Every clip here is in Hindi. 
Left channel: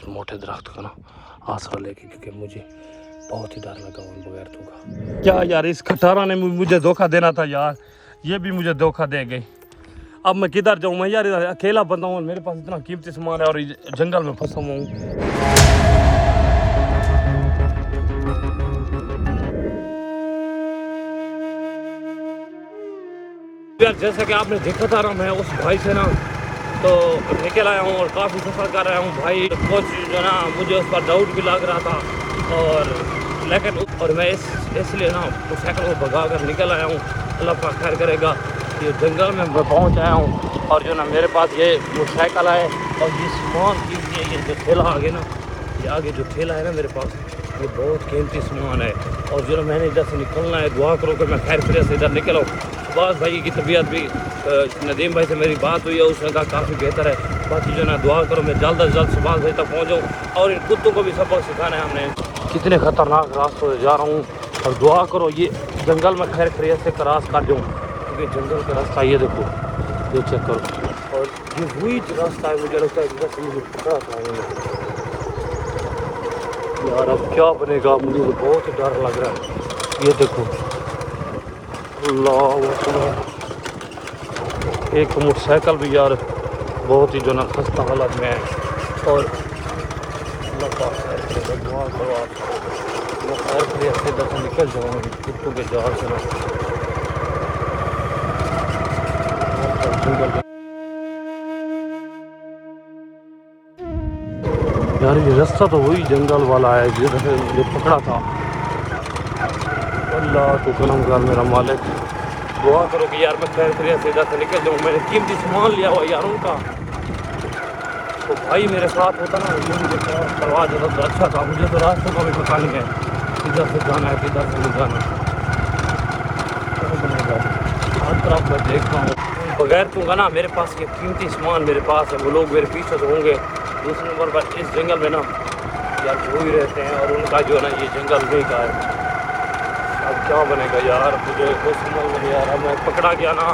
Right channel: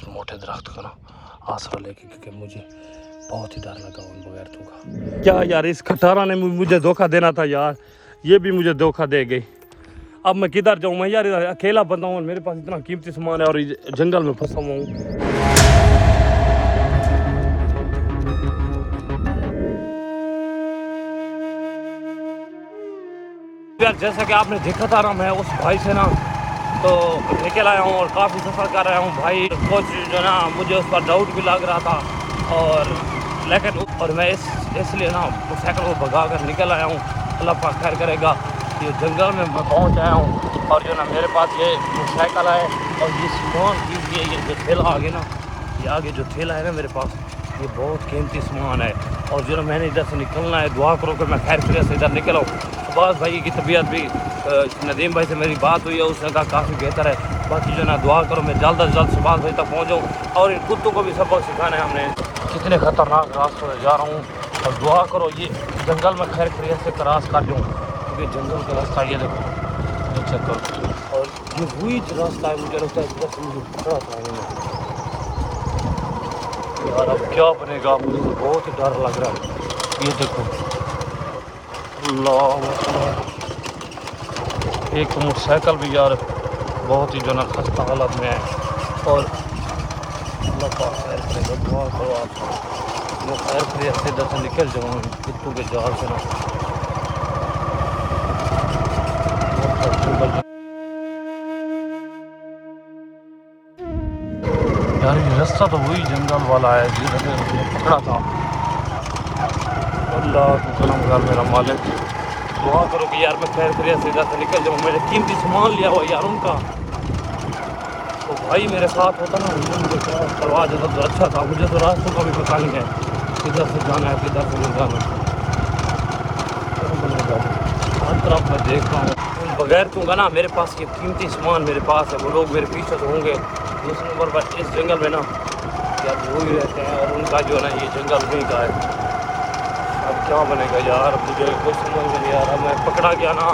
इस मोटे दरख्त का ना आसरा लेके, क्योंकि मुझे बहुत ही डर लगा उन बगैरतों का। क्या यार, इस खटारा ने मुझे धोखा देना था यार, ये भी मुझे धोखा दे गई। अब मैं किधर जाऊँ? मैं यार अकेला बंदा हूँ, मेरे पास इतना कीमती सामान है और जंगल में फंसा हुआ हूँ। यार जैसा कि आपने देखा था ना, मैं उस भाई से ना तो निकल आया हूँ और काफ़ी सफ़र कर रहा हूँ भाई। कुछ जो ना मुझे उस पर डाउट भी लग रहा था, और लेकिन और मैं इसलिए ना मोटरसाइकिल को भगा कर निकल आया हूँ। अल्लाह पाक खैर करेगा। ये जंगल में मैं पहुँच आया हूँ और जो मेरे पास ये मोटरसाइकिल है और ये जो ठेला आगे ना, ये आगे जो ठेला है ना मेरे पास, ये बहुत कीमती सामान है। और जो मैंने इधर से निकलना है, दुआ करो कि मैं खैर खैरियत से इधर निकल आऊँ। शहबाज भाई की तबीयत भी, नदीम भाई से मेरी बात हुई है, उसने कहा काफ़ी बेहतर है। बाकी जो ना दुआ करो मैं जल्द अज जल्द शहबाज भाई तक पहुँचाऊँ, और इन कुत्तों को भी सबक सिखाना है हमने। कितने ख़तरनाक रास्ते जा रहा हूँ, और दुआ करो ये जंगल में खैर खैरियत से क्रॉस कर दूँ, क्योंकि जंगल का रास्ता ये देखो, ये चेक करो। और ये वही रास्ता है, मुझे लगता है जैसे मुझे पकड़ा था उन्होंने। यार अब क्या बनेगा, मुझे तो बहुत ही डर लग रहा है। ये देखो, अल्लाह एक तो मोटरसाइकिल भी यार बहुत ही जो है खस्ता हालत में है। और अल्लाह पाक खैर करेगा, दुआ करो आप, मैं खैर खैरियत से इधर से निकल जाऊँ कुत्तों के जाल से ना। यार ये रास्ता तो वही जंगल वाला है जो पकड़ा था। अल्लाह तो जन्म कर मेरा मालिक, दुआ करो कि यार मैं खैर खैरियत से इधर से निकल जाऊँ। मैंने कीमती सामान लिया हुआ यार उनका, तो भाई मेरे साथ होता ना, ये मुझे करवा देता तो अच्छा था। मुझे तो रास्तों का भी पता नहीं है, किधर से जाना है किधर से नहीं जाना। हर तरफ मैं देखता हूँ बगैर दूंगा ना, मेरे पास ये कीमती सामान मेरे पास है, वो लोग मेरे पीछे तो होंगे। दूसरे नंबर पर इस जंगल में ना यार वो ही रहते हैं, और उनका जो है ना ये जंगल नहीं का है। अब क्या बनेगा यार, मुझे कुछ समझ में नहीं आ रहा। मैं पकड़ा गया ना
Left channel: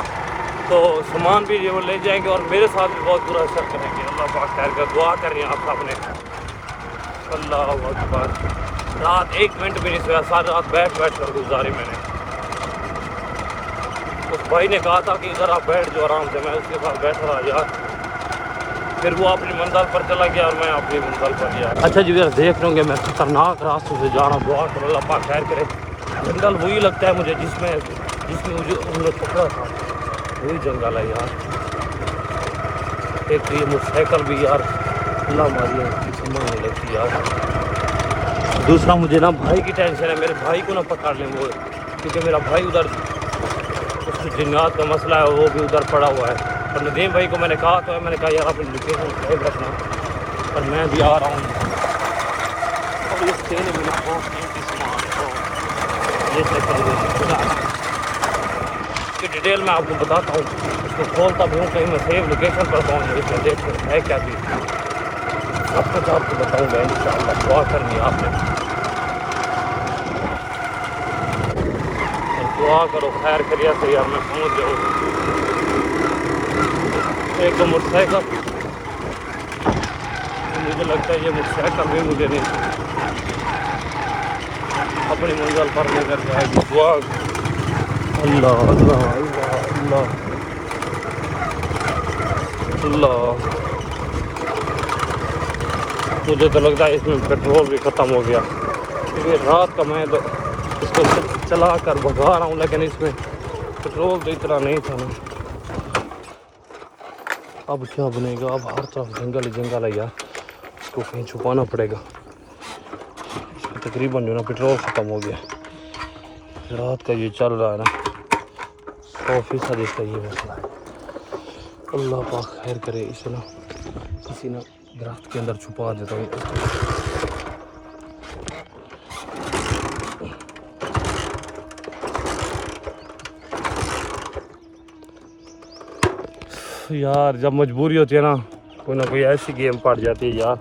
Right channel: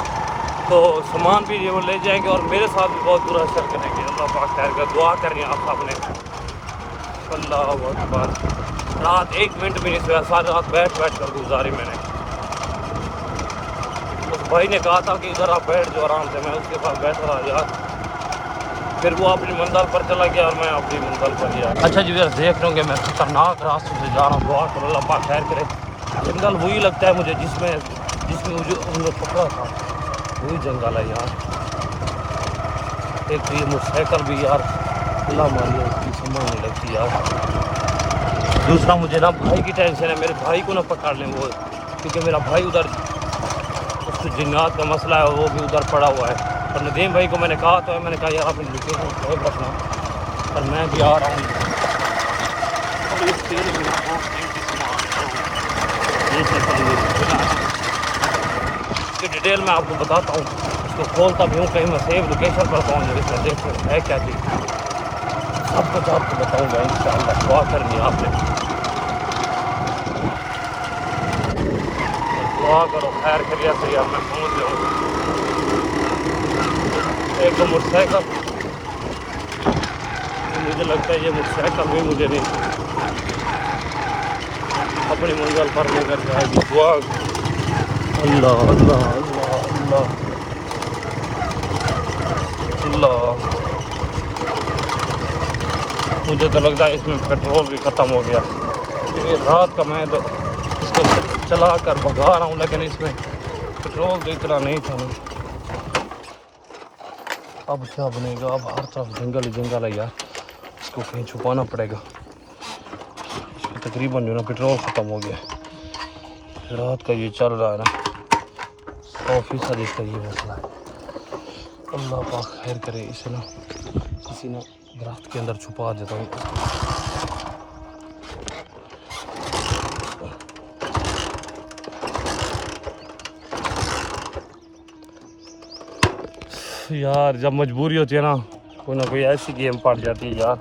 तो सामान भी ये वो ले जाएंगे और मेरे साथ भी बहुत बुरा असर करेंगे। अल्लाह पाक खैर का, दुआ करनी है आप सबने। अल्लाह अकबर। रात 1 मिनट भी नहीं सोया, सारी रात बैठ कर गुजारी मैंने। उस भाई ने कहा था कि इधर आप बैठ जाओ आराम से, मैं उसके साथ बैठा रहा यार। फिर वो अपनी मंजिल पर चला गया और मैं अपनी मंजिल पर गया। अच्छा जी यार, देख लेंगे मैं खतरनाक रास्ते से जा रहा हूँ। दुआ करो अल्लाह पाक खैर करे। जंगल वही लगता है मुझे जिसमें मुझे उन लोग पकड़ा था, वही जंगल है यार। एक तो ये मोटरसाइकिल भी यार अल्लाह मारी है, इसकी समझ नहीं लगती यार। दूसरा मुझे ना भाई की टेंशन है, मेरे भाई को ना पकड़ लें वो, क्योंकि मेरा भाई उधर उसको जिन्नात का मसला है, वो भी उधर पड़ा हुआ है। और नदीम भाई को मैंने कहा तो है, मैंने कहा यार अपनी लोकेशन सेव रखना, पर मैं भी आ रहा हूँ। ये डिटेल मैं आपको बताता हूँ, इसको खोलता भी हूँ, कहीं मैं सेव लोकेशन पर पहुँच जाऊँ, इसमें देखते है क्या चीज़, सब कुछ आपको बताऊँगा इंशाअल्लाह। दुआ करनी है आपने, दुआ करो खैर करिए तो यार मैं पहुँच जाऊँ। एक तो मोटरसाइकिल, मुझे लगता है ये मोटरसाइकिल भी मुझे नहीं अपनी मंजिल पर लेकर जाएगी। दुआ अल्लाह अल्लाह अल्लाह अल्लाह। मुझे तो लगता है इसमें पेट्रोल भी ख़त्म हो गया, क्योंकि रात का मैं इसको चला कर भगा रहा हूँ, लेकिन इसमें पेट्रोल तो इतना नहीं था ना। अब क्या बनेगा, अब हर तरफ जंगल जंगल है यार, इसको कहीं छुपाना पड़ेगा। तकरीबन जो ना पेट्रोल ख़त्म हो गया, रात का ये चल रहा है ना, 100% इसका ये मसला। अल्लाह पाक खैर करे, इसे ना किसी ना दरख्त के अंदर छुपा देता हूँ। यार जब मजबूरी होती है ना कोई ऐसी गेम पड़ जाती है यार।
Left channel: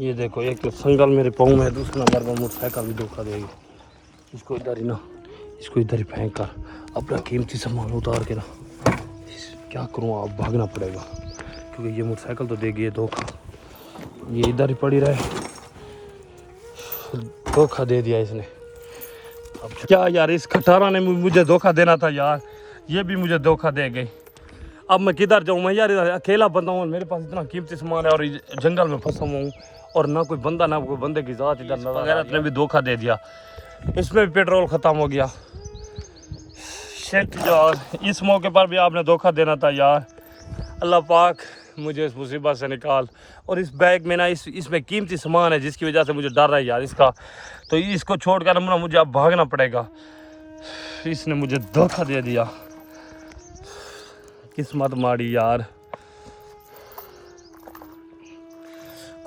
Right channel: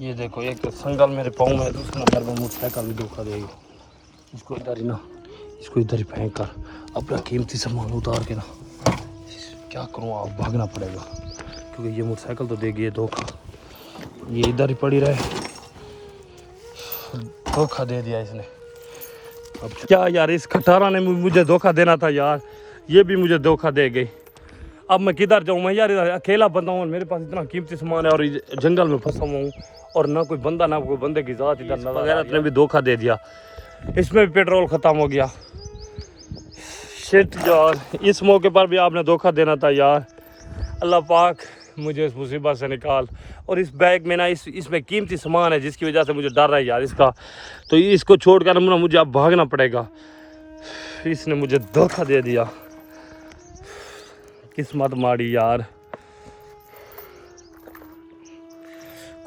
ये देखो एक संगल मेरे पाँव में है, दूसरा नंबर पर मोटरसाइकिल भी धोखा देगी। इसको इधर ही ना इसको इधर फेंक कर अपना कीमती सामान उतार के ना क्या करूँ, अब भागना पड़ेगा क्योंकि ये मोटरसाइकिल तो देगी ये धोखा। ये इधर ही पड़ी रहे, धोखा दे दिया इसने। क्या यार, इस खटारा ने मुझे धोखा देना था यार, ये भी मुझे धोखा दे गई। अब मैं किधर जाऊँ मैं यार, इधर अकेला बंदा हूँ, मेरे पास इतना कीमती सामान है और जंगल में फंसा हुआ हूँ और ना कोई बंदा ना कोई बंदे की जात इधर नजर। इसने भी धोखा दे दिया, इसमें भी पेट्रोल ख़त्म हो गया। शिट यार, इस मौके पर भी आपने धोखा देना था यार। अल्लाह पाक मुझे इस मुसीबत से निकाल। और इस बैग में ना इसमें कीमती सामान है जिसकी वजह से मुझे डर रहा है यार इसका, तो इसको छोड़ कर मुझे अब भागना पड़ेगा। इसने मुझे धोखा दे दिया, किस्मत माड़ी यार।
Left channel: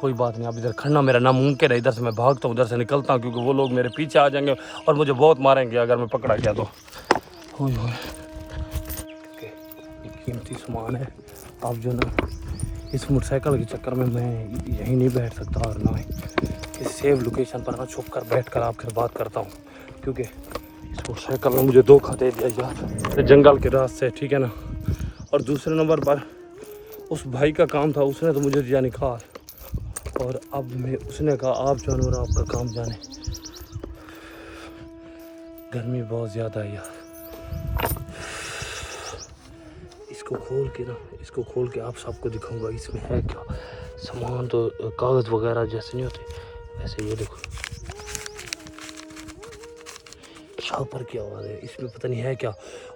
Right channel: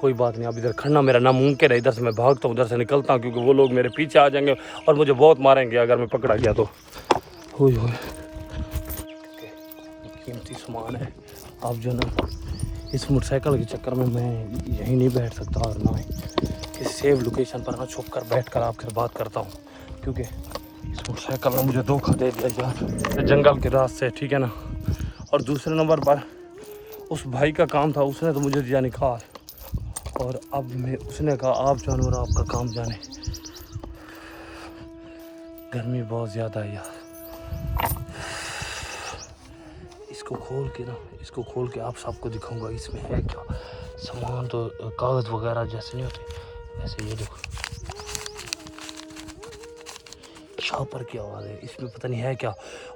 कोई बात नहीं, अब इधर खड़ना मेरा नामुमकिन है, इधर से मैं भागता हूँ, उधर से निकलता हूँ क्योंकि वो लोग मेरे पीछे आ जाएंगे और मुझे बहुत मारेंगे अगर मैं पकड़ा गया तो। कीमती सामान है, अब जो ना इस मोटरसाइकिल के चक्कर में मैं यहीं नहीं बैठ सकता और ना ही किसी सेफ लोकेशन पर ना छुप कर बैठ कर आपके बात करता हूँ क्योंकि इस मोटरसाइकिल ने मुझे धोखा दे दिया जो जंगल के रास्ते, ठीक है ना। और दूसरे नंबर पर उस भाई का काम था, उसने तो मुझे दिया निकाल और अब मैं उसने कहा आप जानो और आपका काम जाने। गर्मी बहुत ज़्यादा है यार, इसको खोल के आप सबको दिखाऊंगा इसमें है क्या सामान। तो कागज़ वगैरह जैसे नहीं होते ऐसे, ये देखो छापर की आवाज़ है, इसमें पता नहीं है क्या।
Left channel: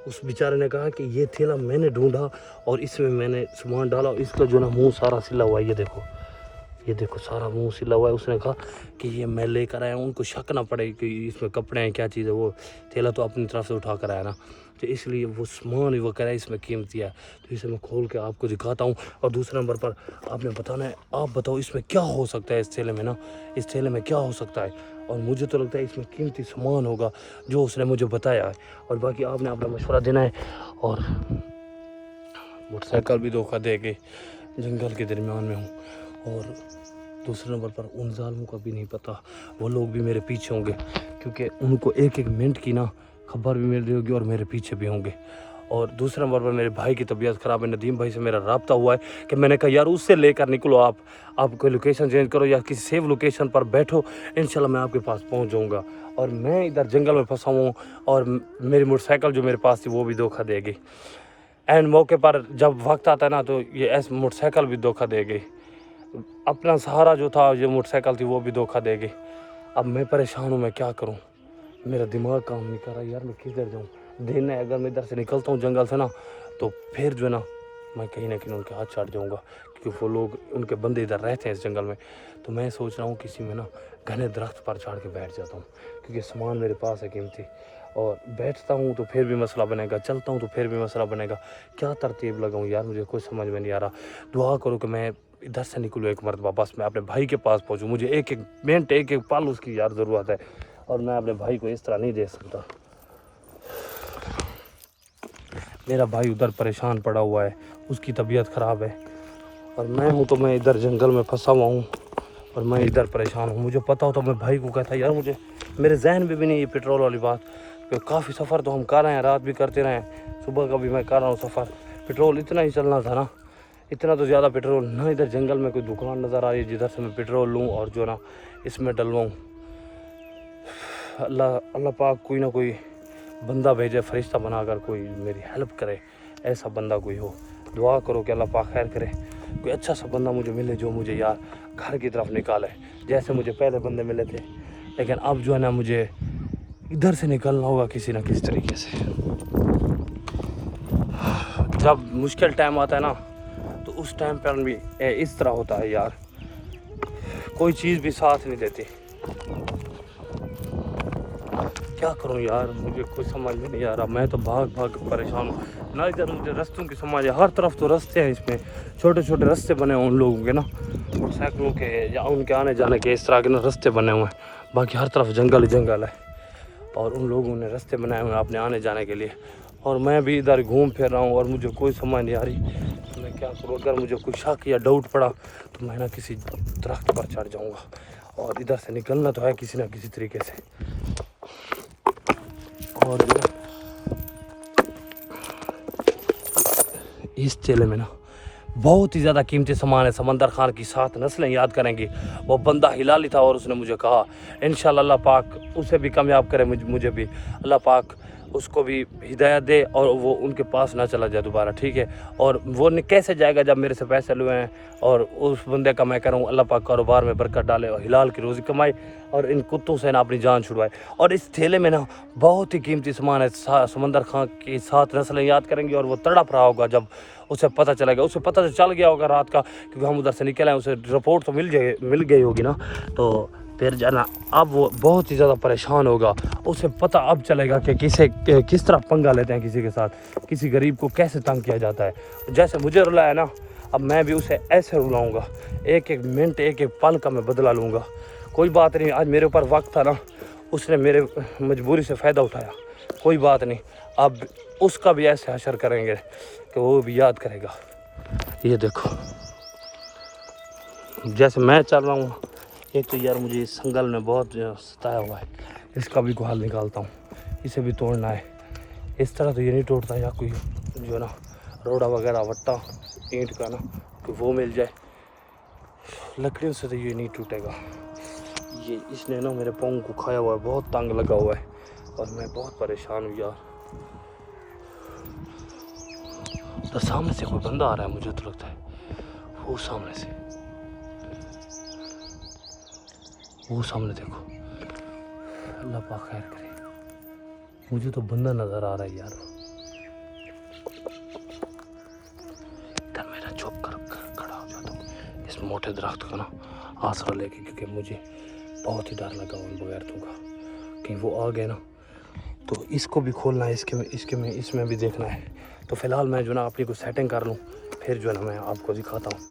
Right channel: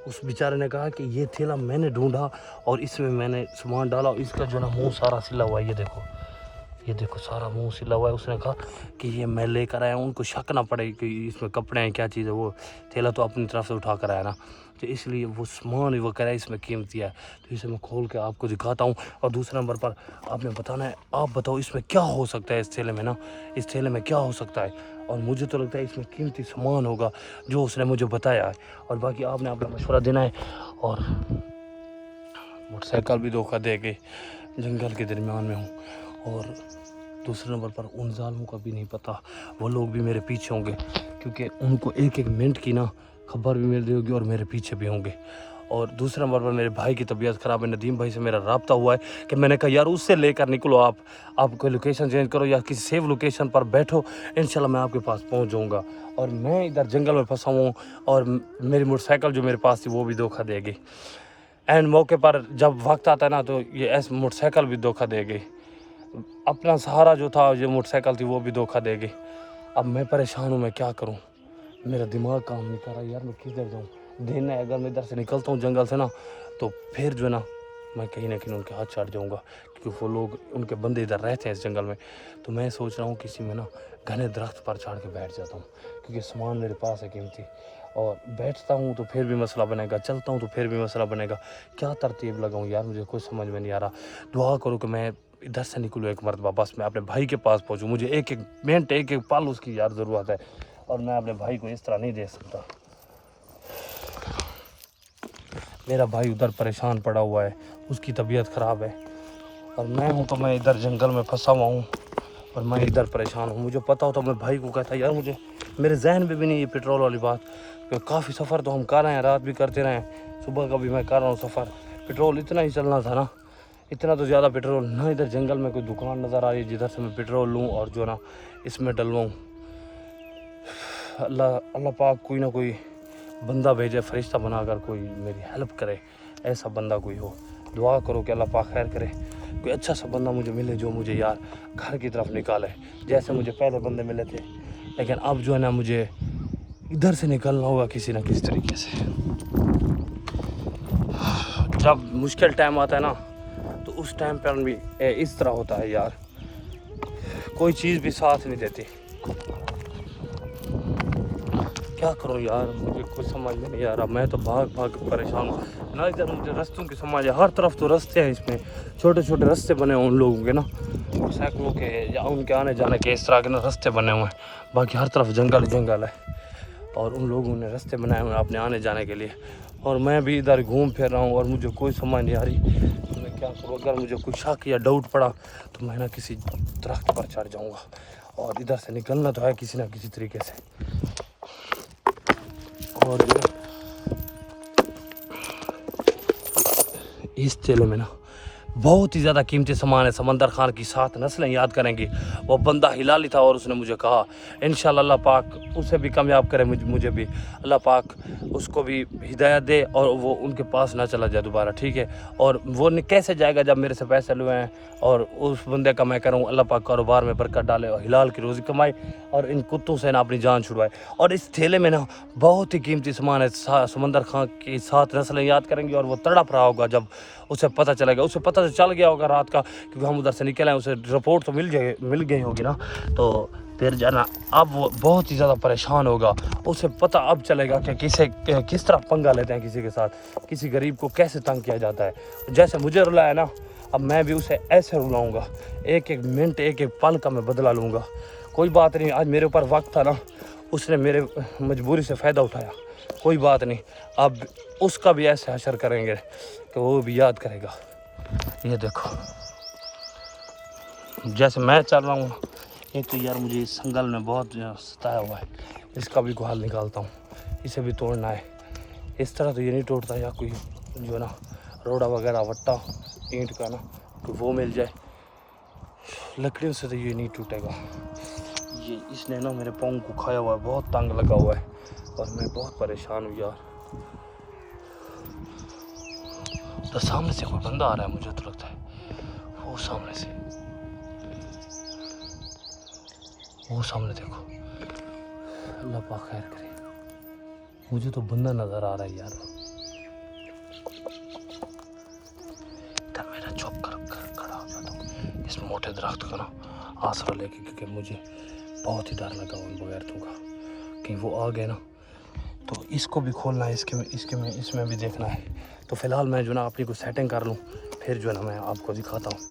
उस बेचारे ने कहा कि ये थैला मैंने ढूंढा और इसमें मैंने सामान डाला, इसका जो ना मुंह सारा सिला हुआ है, ये देखो सारा मुंह सिला हुआ है। उसने कहा कि ये मैं लेकर आया, उनको शक ना पड़े कि इसमें कपड़े हैं क्या चीज़ है, वो थैला तो अपनी तरफ से उठा कर आया ना, तो इसलिए वो सामान वो कह इसमें कीमती है, तो इसे मैं खोल के आपको दिखाता हूँ। और दूसरे नंबर पर आपने बताना है, आप बताओ इसमें क्या हो सकता है, इस थैले में ना, इस थैले में क्या हो सकता है। और मुझे तो लगता है इसमें कीमती सामान होगा जो उसने मुझे बताया है, और बाकी आपने अपना मशवरा देना है। और मोटरसाइकिल भी धोखा दे गई, जंगल के दरमियान में हूँ और दूसरे नंबर पर उन जालिमों का भी नहीं पता, वो लोग भी मेरे पीछे होंगे क्योंकि उनको एक एक मिनट की ना खबर भी मिल रही होगी और मेरे पीछे भी होंगे। और दूसरे नंबर पर मेरे भाई की तबीयत ख़राब है, नदीम भाई से मेरा रब्ता हुआ है कि मैंने कहा यार उससे लेकर निकलो, आप कोई लोकेशन चेंज करो या किसी सेफ लोकेशन पर बैठो, इंशाल्लाह मैं आपके पास पहुंच जाऊंगा। और मैं इधर जंगल में फंसा हूँ और मेरी मोटरसाइकिल जो मेरे पास थी वो भी धोखा देगी। एंड मौके पर जब वक्त आता है ना तो ये ऐसे मोटरसाइकिल भी धोखा देगी, अपना सहारा जो था ये मोटरसाइकिल थी वो भी धोखा देगी। अब मैं परेशान हूँ, मैं क्या करूँ, मेरा दिमाग काम नहीं कर रहा यार, मैं किधर जाऊँ। दिन है, अगर मैं इधर से निकलता हूँ जंगल से ना तो फिर जो है ना मैं कहीं ना कहीं उनके हाथ चढ़ जाऊँगा क्योंकि वो लोग उनके बंदे इधर रहते हैं इस जंगल में। तो मैं सोच रहा हूँ किसी में ना घने दरख्त पर चढ़ के बैठ जाता हूँ क्योंकि सामान मेरे पास है कीमती, और बैठता हूँ तो फिर भी मसला बनेगा, चलता हूँ तो फिर भी मसला बनेगा। क्या तरतीब लगाऊँ यार, मुझे कुछ समझ में नहीं आ रहा। दुआ करो कि मैं इधर से निकलूँ एक मरतबा, बस मैं अपने भाई के पास पहुँचूँ। मुझे एक एक मिनट एक एक पल उसकी यार ज़रूरत है और मैं अपने भाई को इस तरह नहीं दे सकता। मेरा भाई उधर परेशान पड़ा हुआ है, उसकी तबीयत ख़राब है और मैं हूँ तो मैं इधर जंगल में फंसा हुआ हूँ और मैं इधर परेशान हूँ। मुझे पता होता मैं भाई को कहता यार, मुझे मेरे जहन में भी नहीं ये पेट्रोल वाली बात, क्योंकि काफ़ी सफ़र तो हम कर रहे हैं, रात भी करते रहे, सुबह का भी मैं कर रहा हूँ सफ़र। पेट्रोल इतना ही चलना था ना, इतना तो ज़्यादा पेट्रोल ना। इधर जंगल में कोई दुकान नज़र आ रही है जिधर से मैं पेट्रोल लूँ और जो ना इसमें डलवाऊँ। अल्लाह पाक कोई ना कोई बंदा भेजे, फरिश्ता बनाकर कोई मेरी हेल्प करे, ऐसा बंदा कोई हो। दुआ करो कि अल्लाह पाक खैर करे, कोई अच्छा सा बंदा मुझे मिले जो मुझे यार घर की तरफ निकाले, जैसे मुझे पहले बंदे मिले थे। लेकिन अब जो है ना मुझे इधर से निकलना होगा किसी ना किसी तरीके से। जब मुश्किल टाइम आता है ना तो उस टाइम पर भी इस तरह होता है यार, कोई चीज़ भी साथ नहीं देती। क्या करूं यार, मुझे कुछ समझ में नहीं आ रहा। मैं तो भाग भाग परेशान हूँ ना, इधर मुझे रास्तों की समझ है, हर तरफ तो रास्ते हैं, इसमें छोटे छोटे रास्ते बने हुए उन लोगों के ना, साइकिलों के या उनके आने जाने के, इस तरह के ना रास्ते बने हुए हैं। बाकी हर तरफ जंगल ही जंगल है और उन लोगों ने रास्ते बनाए हुए हैं अपने आने जाने के लिए। और मैं भी इधर घूम फिर रहा हूँ और मुझे कोई समझ नहीं आ रही तो मैं क्या करूँ। अगर मुझे कोई शक या डाउट पड़ा तो मैं ना किसी दरख्त पर चढ़ जाऊँगा और इधर से निकलना तो है किसी ना किसी तरीके से। और जो इस ठेले में ना बहुत ही ज़्यादा कीमती सामान है। समंदर खान की 7 नस्लें याद करेंगी। वो बंदा हिलाली था और उसने मुझे कहा इंशाल्लाह अल्लाह पाक उसे भी कामयाब करे, मुझे भी अल्लाह पाक उसको भी हिदायत दे और वो उनके पास ना चला जाए दोबारा, ठीक है। और वो कैसे जाएगा जब मेरे से पैसे लुए हैं। और उस बंदे का मैं करूँ अल्लाह पाक कारोबार में बरकत डाले और हिलाल की रोज़ी कमाई और इन कुत्तों से ना अपनी जान छुड़वाए। और इस ठेले में ना बहुत ही कीमती सामान है। समंदर खान की 7 नस्लें याद करेंगी और वो तड़प रहा होगा जब उसे पता चलेगा। उसे पता तो चल गया होगा रात का, क्योंकि हम उधर से निकले हैं, उसे रिपोर्ट तो मिल गई होगी ना। तो फिर जाना अब वो बहुत ही ज़्यादा परेशान होगा। उसे पता अब चलेगा कि किस तरह पंगा लेते हैं किसी के साथ, किसी गरीब को कैसे तंग किया जाता है। जैसे मुझे रुलाया ना, अब मैं भी उसे ऐसे रुलाऊंगा। एक एक मिनट एक एक पल का मैं बदला लूँगा। कोई बात नहीं, आज मेरे ऊपर वक्त था ना, उसने मेरे मजबूरी से फ़ायदा उठाया। कोई बात नहीं, अब उसका भी ऐसे हशर करेंगे कि वो भी याद करेगा। ये देखो जैसे मैं चल रहा हूँ, एक तो यार मुझे इस संगल में बहुत सताया हुआ है। इसका भी गुहाल निकालता हूँ, इसे भी तोड़ना है। इस तरह तो ये नहीं टूटता, या कोई जो ना रोड़ा वगैरह वट्टा ईंट का ना कि वो मिल जाए, लकड़ियों से तो ये नहीं टूटेगा। ये इसने ना मेरे पाँव को खाया हुआ है, बहुत तंग लगा हुआ है और मैं बहुत परेशान हूँ यार। तो सामने से कोई बंदा आ रहा है, मुझे तो लगता है वो सामने से, वो सामने देखो। अल्लाह पाक खैर करे। मुझे तो बंदा नजर आ रहा है यार। तब मेरा चुप कर खड़ा हो जाता इस मोटे दरख्त को ना आसरा लेके, क्योंकि मुझे बहुत ही डर लगा उन बगैरतों का कि वो आ गए ना तो इसको भी खोलना है, इसमें भी देखना है। तो फिलहाल मैं जो ना अपनी को सेटिंग कर लूँ, फिर जो है ना मैं आपको दिखाता हूँ।